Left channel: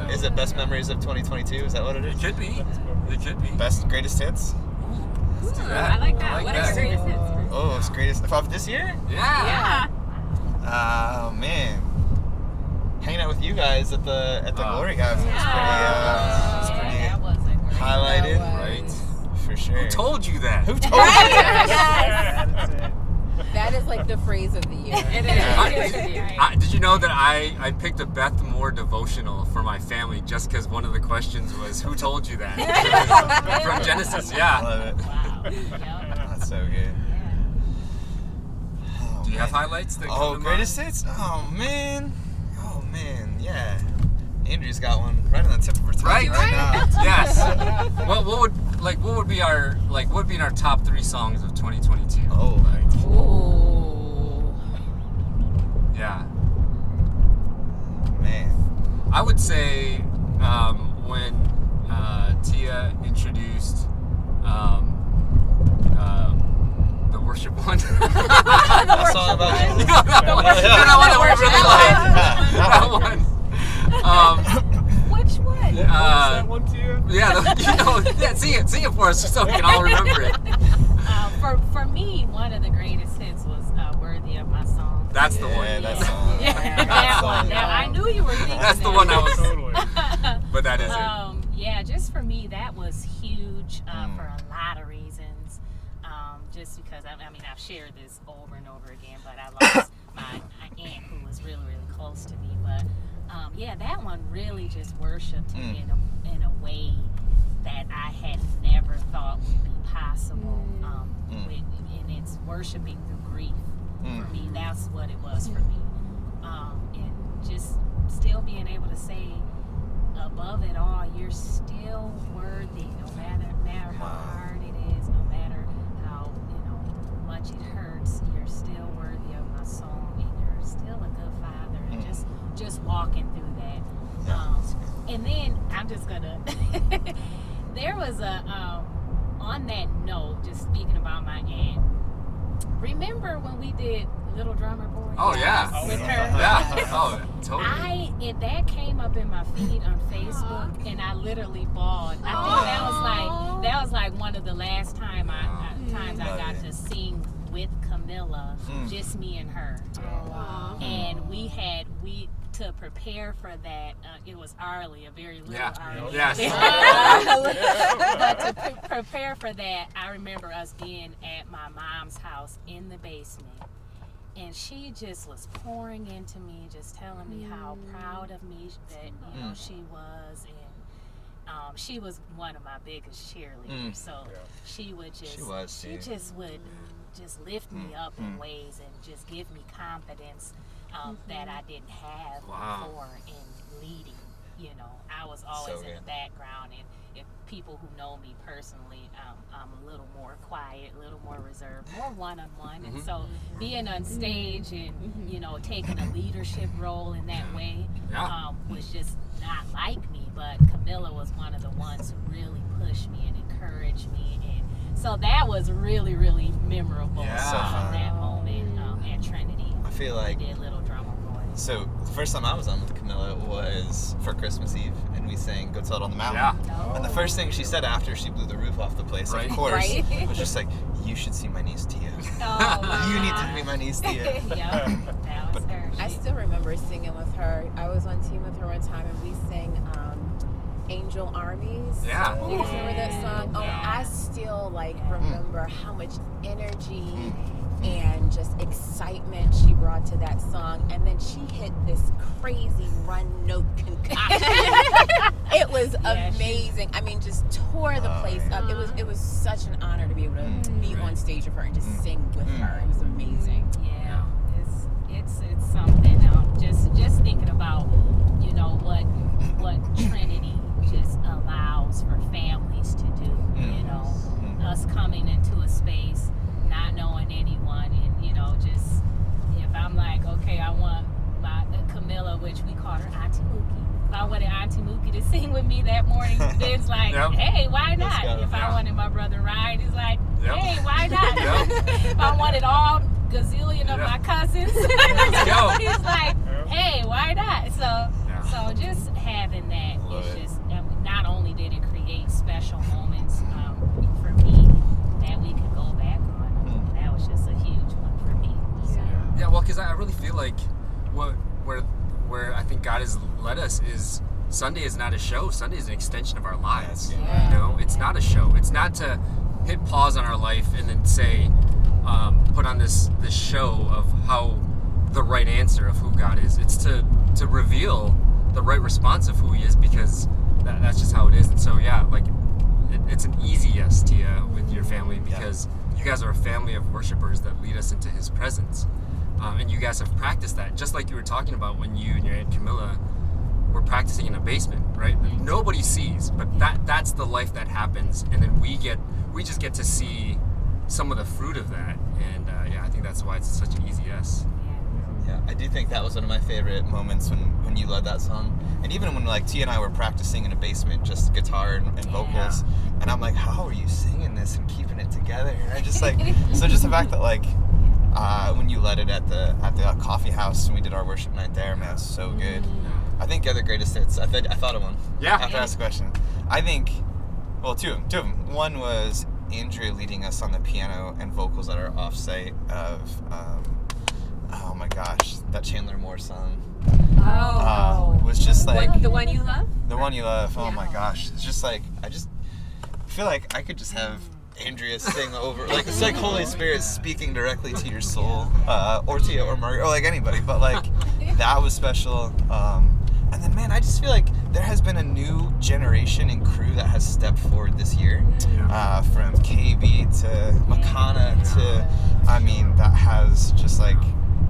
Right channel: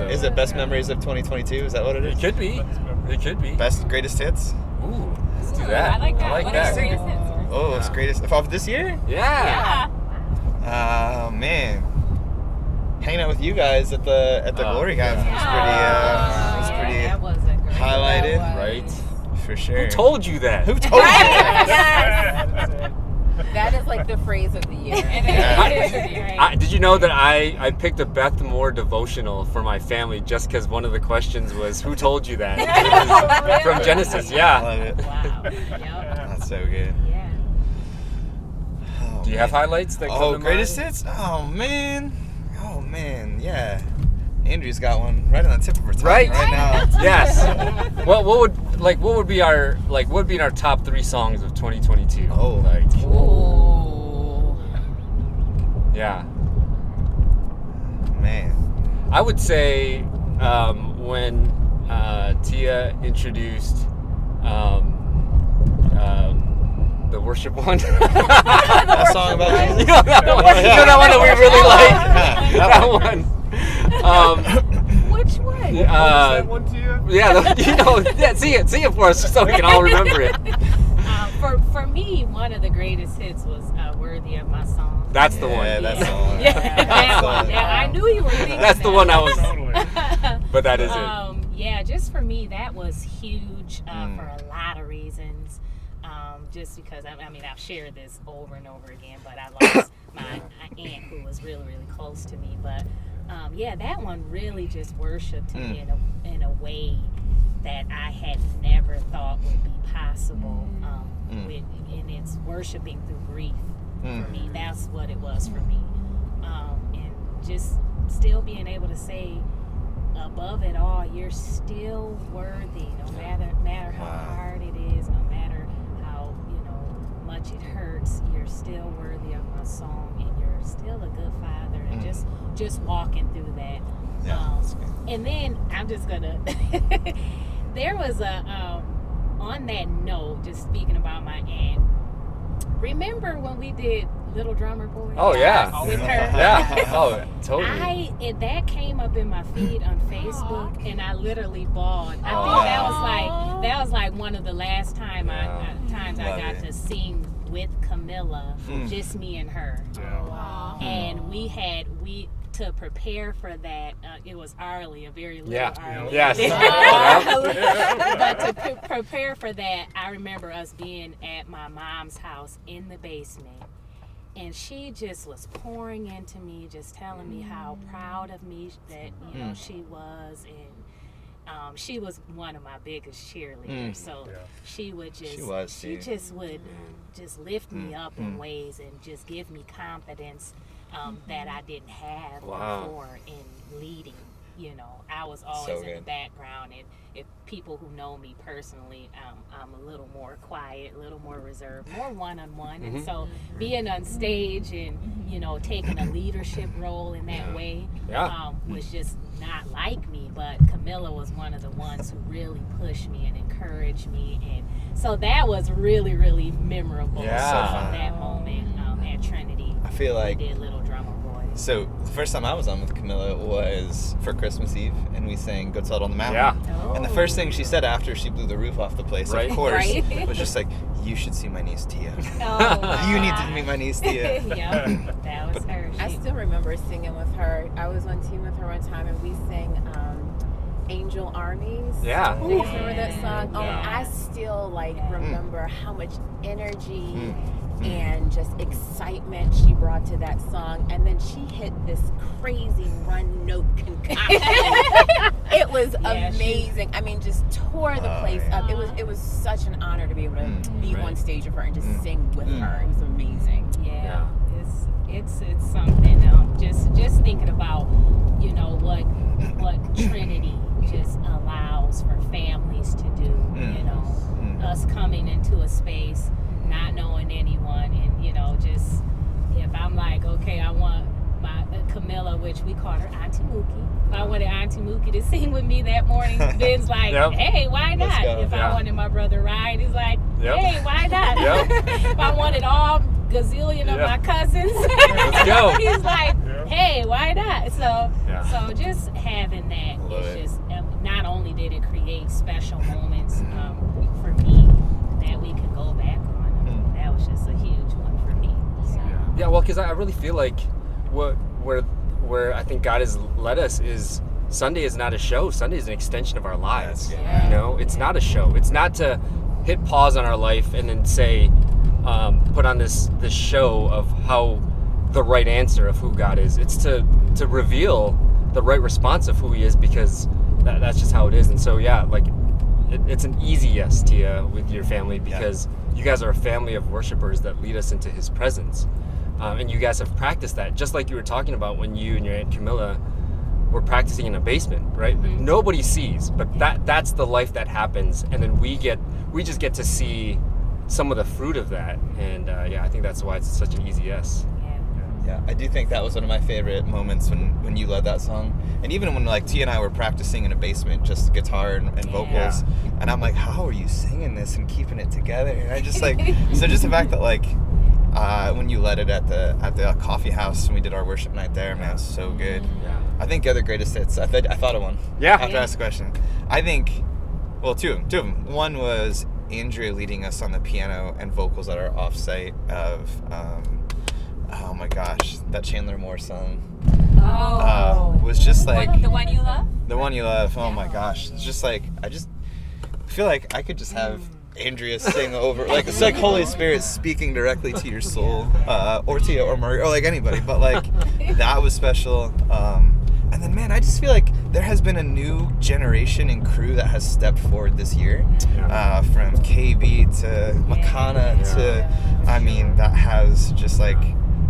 So Is it best memories of 2022? Is that what it is? it could be. It could be. Best greatest hits? Ooh, let's do that. I like that. What are that. your greatest hits? Oh, it's greatest of this year? Yeah. Man. Hanging out with you guys at the Glory Gathering was pretty that was a great highlighted. Right. For sure. Who told you that? Who told you that? Yes. That is like the phrase of the year. Did you know that I picked a Beth Moore devotional for my family just because one of the questions was, who told you that? From Genesis, I yeah. love it. Wow. Yep. That's so good. Yeah. Oh, Do you have man. highlights that come Oh, to greatest mind? hits? Oh man, yeah. Andrew's got one right on the tip of her tongue right now. Yes. Well, what would be our top 3 songs of 2022? Oh, Ooh. Yeah. Man. I would say when Tia introduced the worship one. That song about Jesus? You know that one that we really like. That one. Which one? What was that one to you? Yeah, see it for us so we can all remember it. For me, one of the greatest hits was "Worthy of My Song." That's the one. Yeah, that's the one. Yeah, that one. Yeah, I knew you were thinking That's the that. one I was. Totally. But that is it. Yeah, just for me, that was huge for a lot of reasons. Just because, I mean, I've shared this over and over again, but I lost my aunt who was really, really close to me. But yeah, that one really just worshiped me in a way that I had never thought would be possible. And it's worshiping through grief for me. That's what it was for me. And just still being able to say, above it all, you're still worthy, no matter how hard it is, no matter how much it hurts. You're still worthy of my song, and you're still a good father. And just walking through that. Yeah, and then I'm just gonna. There was a on that note, just speaking about my aunt. Remember when we did Little Drummer Boy? Oh yeah. With her. Yeah. Oh, totally. That came up in my feed on Facebook, and I literally bawled. I think that was like one of the last times I got to sing with Camilla, just me and her. And we to prepare for that. It was Arlie, a very little Arlie. Yes. But to prepare for that, I remember us being at my mom's house in the basement. And she just was pouring into me, just telling me how proud of me that she was, and she was one of my biggest cheerleaders. So she would just would just lift me up in ways and just give me confidence that I didn't have before in leading. I was always in the background, and if people who know me personally, I'm a little more quiet, a little more reserved, more one-on-one. And so being on stage and, taking a leadership role in that way was just not like me. But Camilla was one of the ones who really pushed me and encouraged me. And so that was really, really memorable that moment at Trinity. I feel like we did Little Drummer Boy. So the first time I was on with Camilla was for Christmas Eve, and we sang "Go Tell It on the Mountain." Yeah. And the first thing she said after she blew the roof off the place, of course, was just like, "You should see my niece Tia. You need to meet my niece Tia." That was her. I still remember singing with her. I was on team with her one time, and we sang Angel Armies. Yeah. Do you remember that song? Oh, Yeah. I still remember how much energy and just excitement she brought to that song. And then she hit this crazy run note concoction. It was amazing. I mean, just tore the place up. It was such an honor to be able to be on stage with her and just sing with her. It was amazing. Yeah. It's something. Just thinking about what Trinity just allows for families to do. Us coming into a space, not knowing anyone, and just if I'm like, okay, I want my Camilla, which we call her Auntie Mookie. If I wanted Auntie Mookie to sing with me that morning, Ben's like, hey, why not? If I wanted my brother Ryan, he's like, hey, why not? If I wanted all gazillion of my cousins, he's like, hey, why not? So just having that it's just, not only did it create special moments for me that we could go back on, that was just a huge one for me. So. Yeah, well, because I really feel like where I think God has led us is Sunday is not a show. Sunday is an extension of our lives. Yeah. You know, it's not a show. It's not to hit pause on our life and then say, put on this show of how the right answer of who God is. It's to reveal the right response of who He is, because that's just how it is. And so, yeah, like it's an easy yes, Tia, with your family, because you guys are a family of worshipers that lead us into His presence. And you guys have practiced that, just like you were talking about when you and your Aunt Camilla were practicing in a basement, right? Nobody sees, but that's the life that happens, and then we just get to see some of the fruit of that. And I think that's why it's such an easy yes. Yeah, I do think that was one of my favorite moments when you led that song. And even when like Tia and I were practicing in a basement, just guitar and vocals, and I'm like, how are you singing this and keeping it together? And I just like, so just the fact that like, when you led it at the coffee house and we did our worship night there, man, it was so good. Yeah. I think the other greatest hits, I thought of one. Yeah. After I asked the question. I think, well, two of them. One was Andrea leading us on the piano and vocals at our offsite of, oh my gosh, that Chandler Moore song. Was just like... The One You Love? The One You Love, oh my gosh. It's just like, I just feel like I could just have Andrea sing over, like it's like Holy Spirit speaking directly to your soul, or Tia or Margaret, or like anybody, but like that was special. And then, man, I just feel like there has been a new generation and crew that has stepped forward this year, from KB to Makana to, I mean, that has just like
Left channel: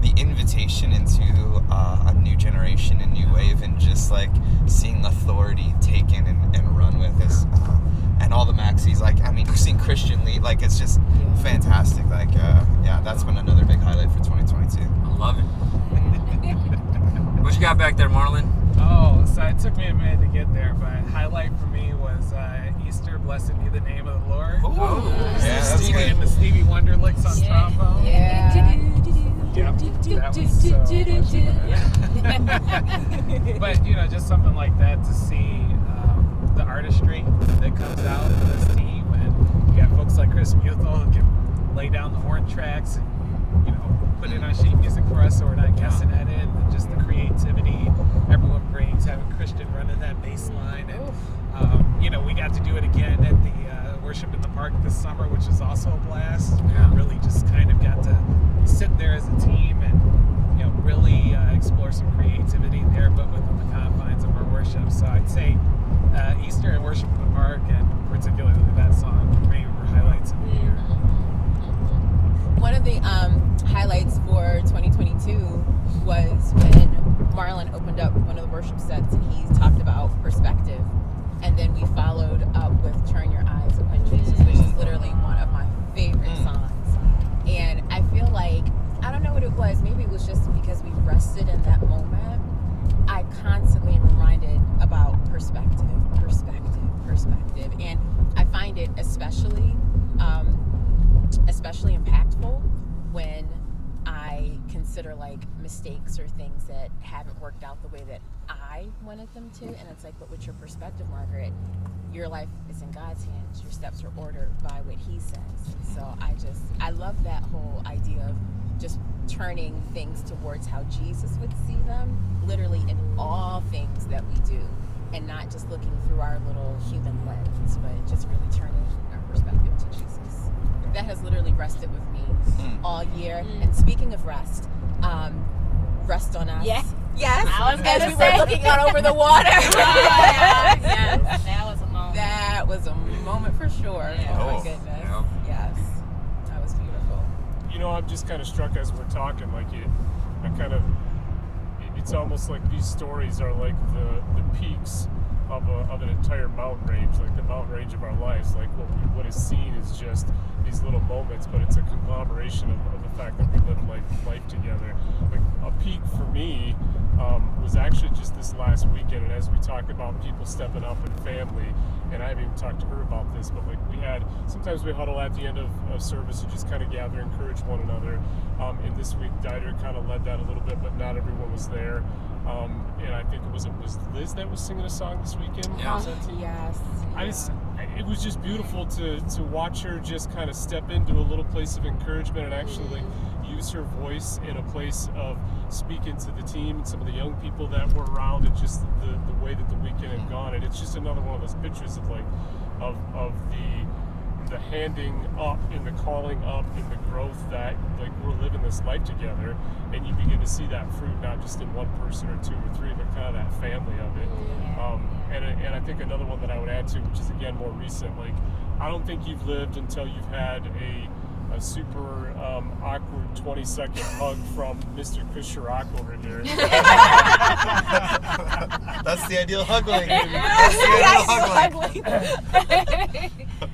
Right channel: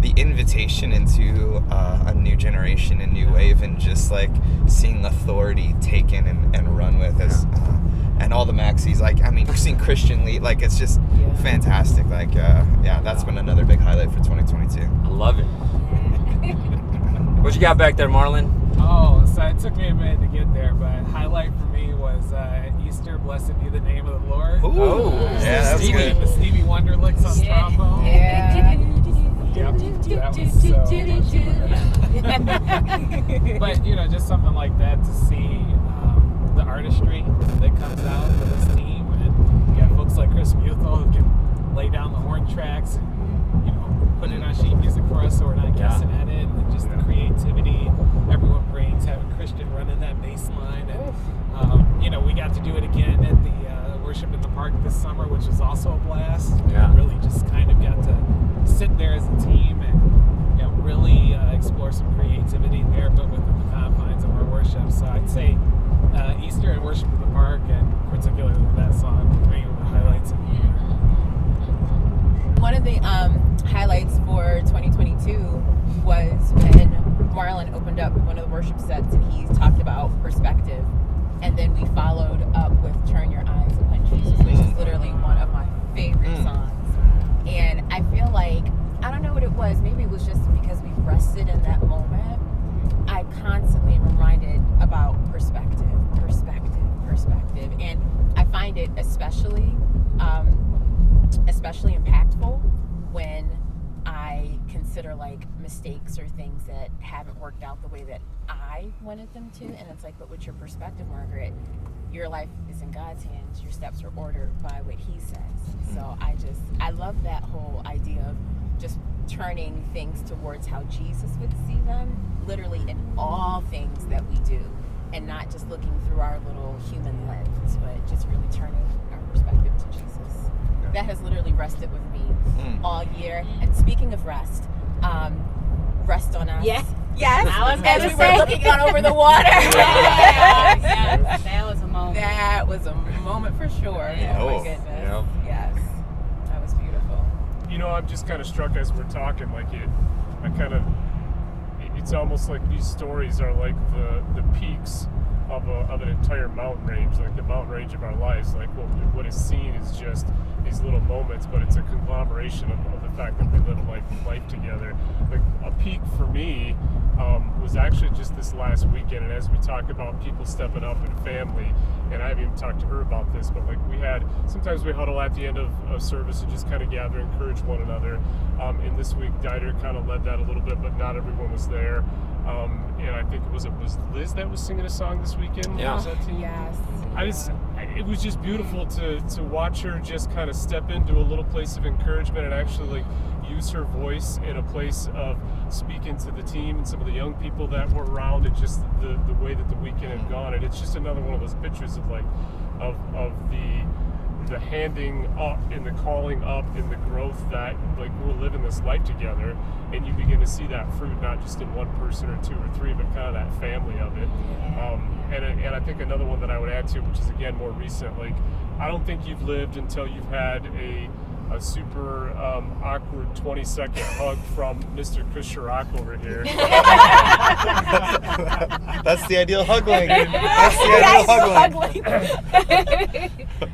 the invitation into a new generation, a new wave, and just like seeing authority taken and run with as, and all the maxis, like, I mean, seeing Christian lead, like, it's just fantastic. Like, that's been another big highlight for 2022. I love it. What you got back there, Marlon? Oh, so it took me a minute to get there, but highlight for me was Easter, Blessed Be the Name of the Lord. Ooh. Yeah, that's Stevie good. and the Stevie Wonder licks on trombone. Yep, that was so much fun. But, you know, just something like that to see the artistry that comes out of this team. And you got folks like Chris Muthel who can lay down the horn tracks and, you know, put it on sheet music for us so we're not guessing at it. And just the creativity everyone brings, having Christian running that bass line. And, you know, we got to do it again at the Worship in the Park this summer, which is also a blast. And really just kind of got to sit there as a team and, you know, really explore some creativity there, but within the confines of our worship. So I'd say Easter and Worship in the Park, and particularly that song, for me, were highlights of the year. One of the highlights for 2022 was when Marlon opened up one of the worship sets and he talked about perspective. And then we followed up with Turn Your Eyes Upon Jesus, which is literally one of my favorite songs. And I feel like, I don't know what it was, maybe it was just because we rested in that moment. I constantly am reminded about perspective. And I find it especially impactful when I consider like mistakes or things that haven't worked out the way that I wanted them to. And it's like, but with your perspective, Margaret, your life is in God's hands. Your steps are ordered by what He says. And so I love that whole idea of just turning things towards how Jesus would see them, literally in all things that we do, and not just looking through our little human lens, but just really turning our perspective to Jesus. That has literally rested with me all year. And speaking of rest, rest on us. Yes. As we were looking out over the water. That was a moment. That was a moment for sure. Yeah. Oh my goodness. Yep. Yes. That was beautiful. You know, I'm just kind of struck as we're talking, like it's almost like these stories are like the peaks of an entire mountain range, like the mountain range of our lives. Like what is seen is just these little moments, but it's a conglomeration of the fact that we live life together. Like a peak for me was actually just this last weekend, and as we talk about people stepping up in family, and I've even talked to her about this, but like sometimes we huddle at the end of service and just kind of gather, encourage one another. And this week, Dieter kind of led that a little bit, but not everyone was there. And I think it was Liz that was singing a song this weekend? Yeah. Was that team? Yes. It was just beautiful to watch her just kind of step into a little place of encouragement and actually like use her voice in a place of speaking to the team and some of the young people that were around, and just the way that the weekend had gone. And it's just another one of those pictures of like of the handing up and the calling up and the growth that like we're living this life together, and you begin to see that fruit not just in one person or two or three, but kind of that family of it. And I think another one that I would add to, which is again more recent, like I don't think you've lived until you've had a super awkward 20-second hug from Mr. Chris Chirac over here. That's the ideal hug link. That's the ideal hug link.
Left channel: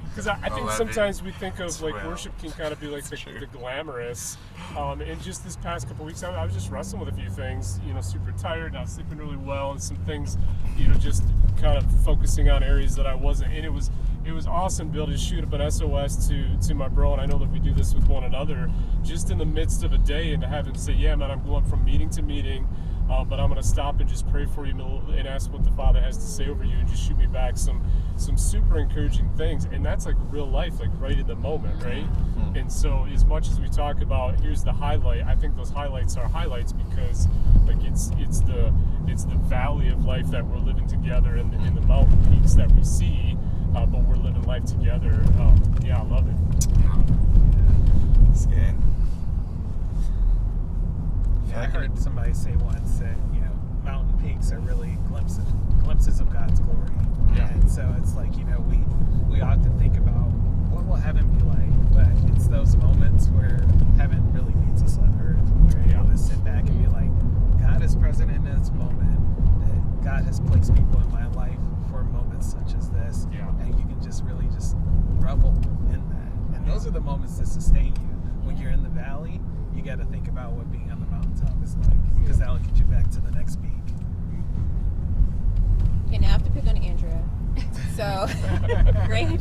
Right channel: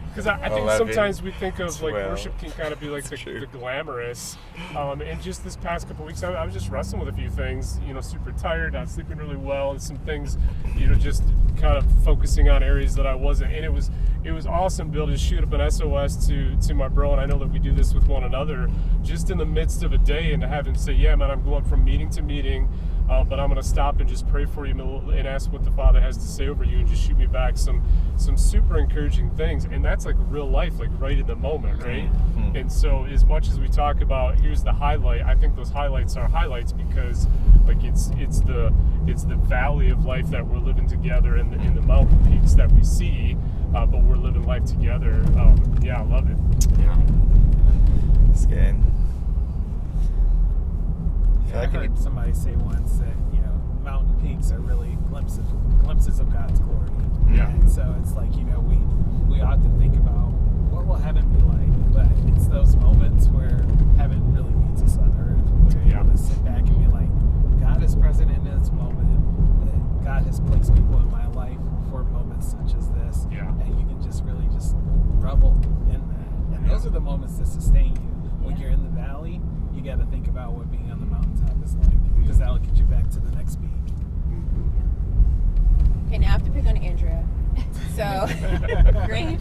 Because I think sometimes we think of like worship can kind of be like the glamorous. And just this past couple weeks, I was just wrestling with a few things, super tired, not sleeping really well, and some things, just kind of focusing on areas that I wasn't. And it was awesome to be able to shoot up an SOS to my bro, and I know that we do this with one another, just in the midst of a day, and to have him say, yeah, man, I'm going from meeting to meeting, but I'm going to stop and just pray for you and ask what the Father has to say over you, and just shoot me back some super encouraging things. And that's like real life, like right in the moment, right? Mm-hmm. And so as much as we talk about here's the highlight, I think those highlights are highlights because like it's the valley of life that we're living together, and the mountain peaks that we see, but we're living life together. I love it. Yeah. It's good. Yeah, I heard somebody say once that mountain peaks are really glimpses of God's glory. Yeah. And so it's like we ought to think about what will heaven be like, but it's those moments where heaven really meets us on earth, when we're able to sit back and be like, God is present in this moment, that God has placed people in my life for moments such as this, and you can just really just revel in that. And those are the moments that sustain you. When you're in the valley, you got to think about what being on the mountaintop is like, because that'll get you back to the next peak. Okay, now I have to pick on Andrea. So, Great.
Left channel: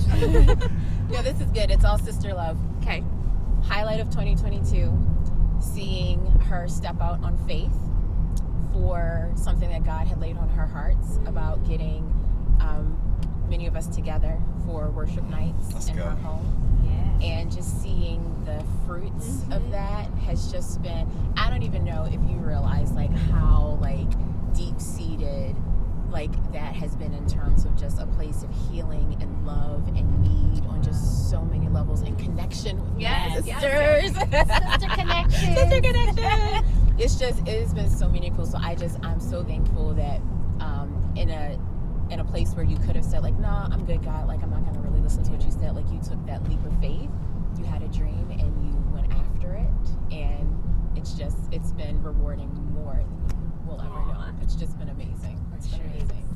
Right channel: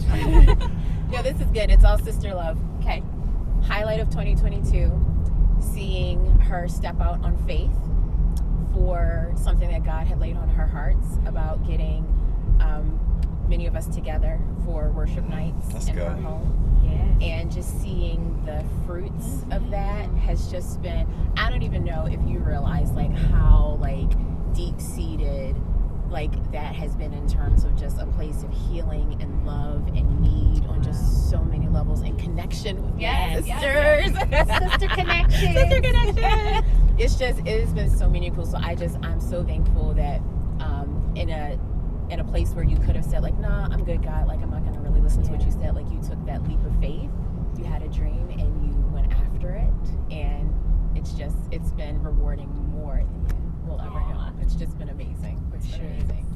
This is good. It's all sister love. Okay. Highlight of 2022, seeing her step out on faith for something that God had laid on her hearts about getting many of us together for worship nights in her home. Yeah. And just seeing the fruits of that has just been, I don't even know if you realize like how like deep-seated like that has been in terms of just a place of healing and love and need on just so many levels, and connection with my sisters. Sister connection. It has been so meaningful. So I'm so thankful that in a place where you could have said like, nah, I'm good, God, like I'm not gonna really listen to what you said, like you took that leap of faith, you had a dream and you went after it, and it's been rewarding more than you will ever know. It's just been amazing. It's been amazing.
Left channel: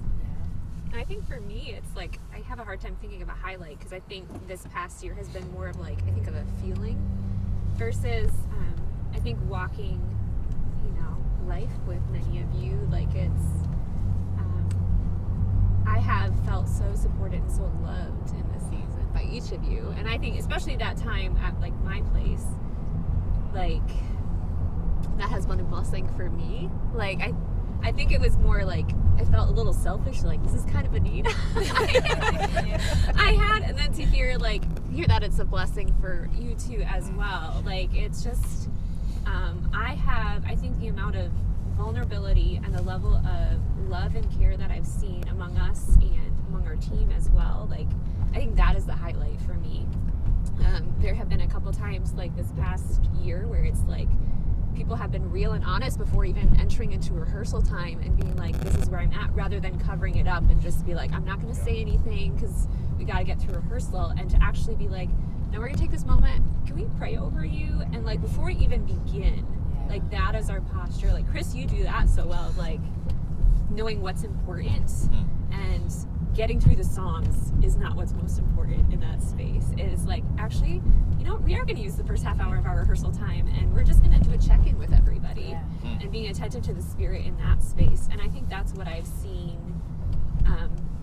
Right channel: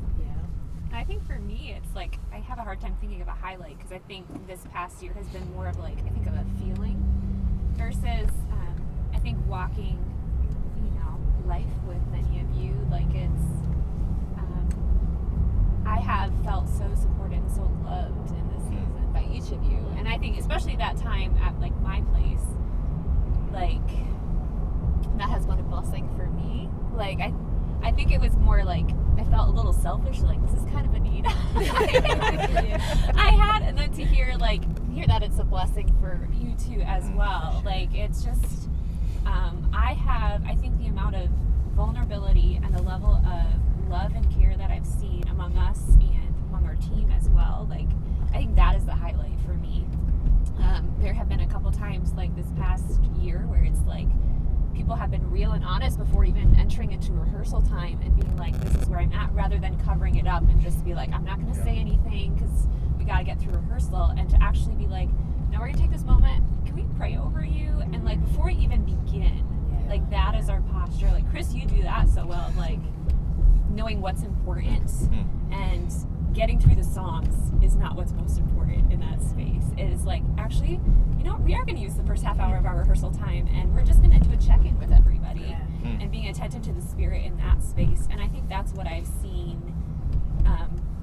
I think for me, it's like I have a hard time thinking of a highlight, because I think this past year has been more of like, I think of a feeling versus I think walking, life with many of you, like it's I have felt so supported and so loved in this season by each of you, and I think especially that time at like my place, like that has been a blessing for me. Like I think it was more like I felt a little selfish, like this is kind of a need I had, and then to hear that it's a blessing for you too as well. Like it's just I think the amount of vulnerability and the level of love and care that I've seen among us and among our team as well, like I think that is the highlight for me. There have been a couple times like this past year where it's like people have been real and honest before even entering into rehearsal time and being like, this is where I'm at, rather than covering it up and just be like, I'm not going to say anything because we got to get through rehearsal, and to actually be like, no, we're going to take this moment, can we pray over you? And like before we even begin, like that is our posture. Like Chris, you do that so well, like knowing what's important and getting through the songs is not what's most important in that space. It is like, actually, you know, we are going to use the first half hour of our rehearsal time, and we're just going to do a check-in with everybody and being attentive to the Spirit in that space. And I think that's what I've seen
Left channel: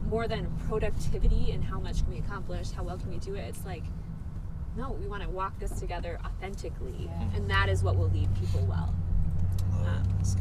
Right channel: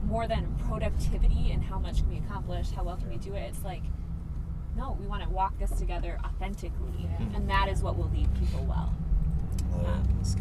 more than productivity and how much can we accomplish, how well can we do it. It's like, no, we want to walk this together authentically, and that is what will lead people well. That's good.